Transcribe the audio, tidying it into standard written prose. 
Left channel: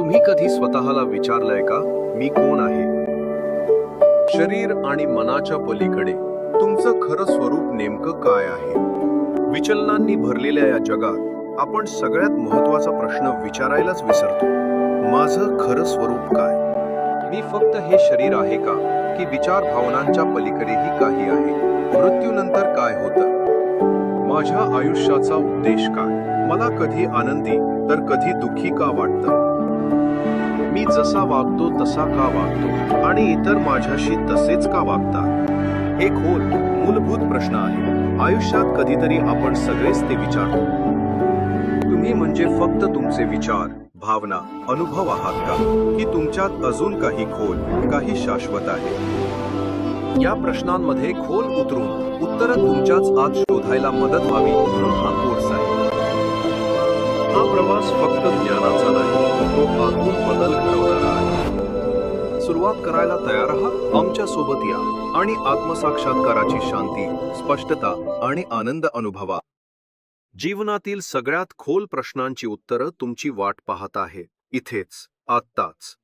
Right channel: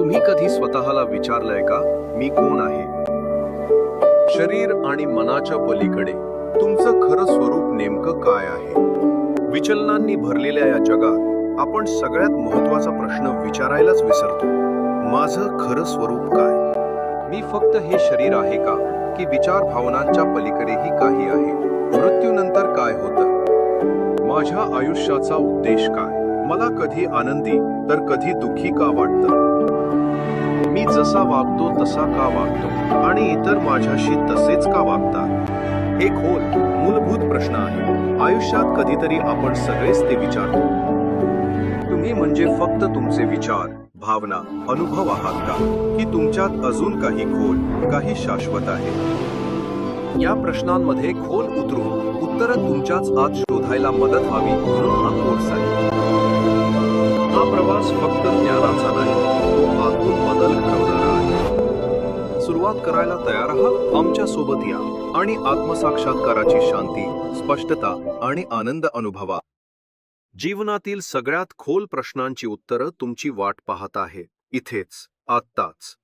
तुम्ही कधी स्वतःला विचारलंय का, मी कोण आहे? शरीर आणि मनाच्या पलीकडे तुमचं खरं स्वरूप नेमकं काय आहे? विचलनांनी भरलेल्या या जगात आपण सगळ्यात महत्वाचा प्रश्न विचारायलाच विसरतो. माझं खरं स्वरूप काय? मी फक्त हे शरीर आहे का, की विचार भावनांच्या पलीकडेही काही आहे? मृत्यूनंतर काय होतं? माझ्या आयुष्याचा उद्देश काय? मला कधी आनंदी तर कधी दुःखी का वाटतं? मी जसा वागतो तसा का वागतो आणि इतर माझ्याशी तसेच का वागतात? हे खोल मूलभूत प्रश्न आहे. आयुष्यात कधीतरी आपण सगळेच ते विचारतो. तुम्ही म्हणजे फक्त तुमचे विचार, भावना, अनुभव आहात का, की तुमच्यात अजून काही खोल, काही शाश्वत आहे? या प्रश्नांमध्ये खोल उतरून उत्तरं तुमच्याच आत शोधायला मदत व्हावी म्हणून हा कोर्स आहे. हा प्रवास फक्त ज्ञानाचा नाही, तो आतून बदल घडवणारा आहे. सुरुवात करायला तयार आहात? आमच्या सोबत या आणि आत्मसाक्षात्काराची शांती, स्पष्टता आणि आनंद अनुभवा. जीवनातील सगळ्यात खोल प्रश्नांची उत्तरं तुमची वाट पाहत आहे, इथेच, आत्ताच.